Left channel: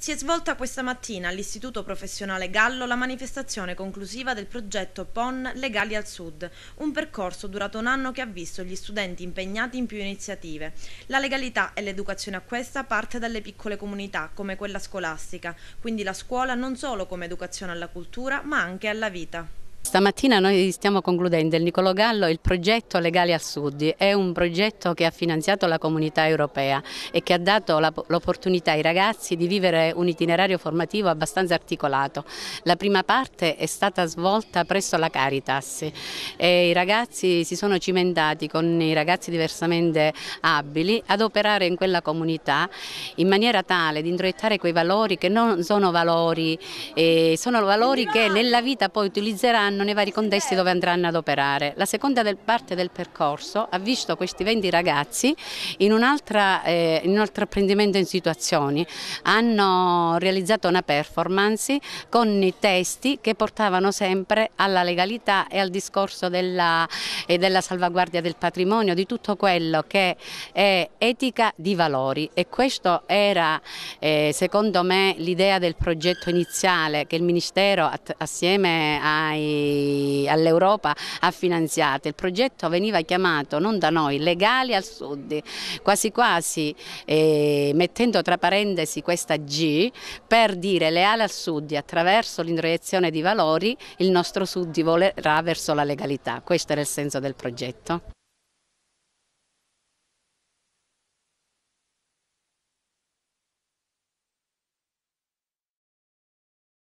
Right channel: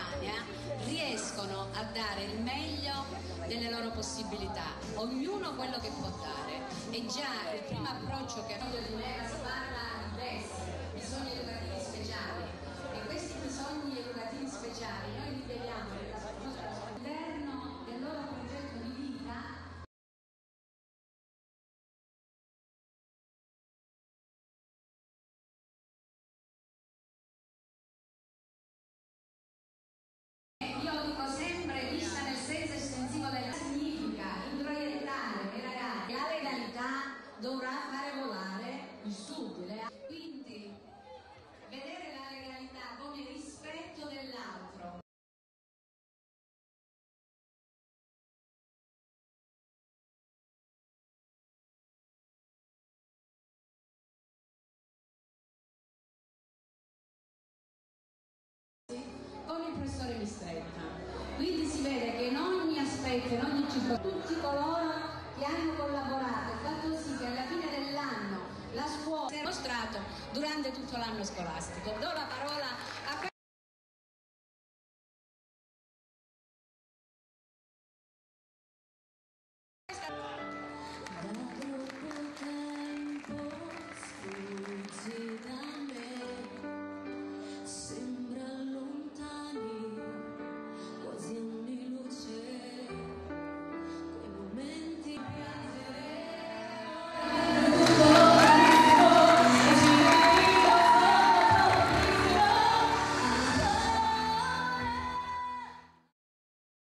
Si è svolta questa mattina all'Istituto Professionale Gallo la manifestazione conclusiva del progetto PON Legali al Sud, un percorso durato un anno che ha visto gli studenti impegnati in più iniziative. La legalità e l'educazione a questa parte dalle piccole comunità, come quella scolastica, quindi la scuola non solo come educazione alla cultura, ma anche alla vita. Stamattina noi stiamo concludendo il Niccolò Gallo il progetto Legali al Sud. È un progetto che ha finanziato la Comunità Europea e che ha dato l'opportunità ai ragazzi di vivere un itinerario formativo abbastanza articolato. La prima parte è stata svolta presso la Caritas e i ragazzi si sono cimentati con i ragazzi diversamente abili ad operare in quella comunità in maniera tale di introiettare quei valori che non sono valori, sono valori che nella vita poi utilizzeranno nei vari contesti dove andranno ad operare. La seconda parte del percorso ha visto questi 20 ragazzi in un altro apprendimento in situazioni. Hanno realizzato una performance con i testi che portavano sempre alla legalità e al discorso della salvaguardia del patrimonio, di tutto quello che è etica di valori, e questo era secondo me l'idea del progetto iniziale che il Ministero assieme all'Europa ha finanziato. Il progetto veniva chiamato non da noi Legali al Sud, quasi quasi mettendo tra parentesi questa G per dire leale al Sud, attraverso l'introiezione di valori il nostro Sud volerà verso la legalità. Questo era il senso del progetto.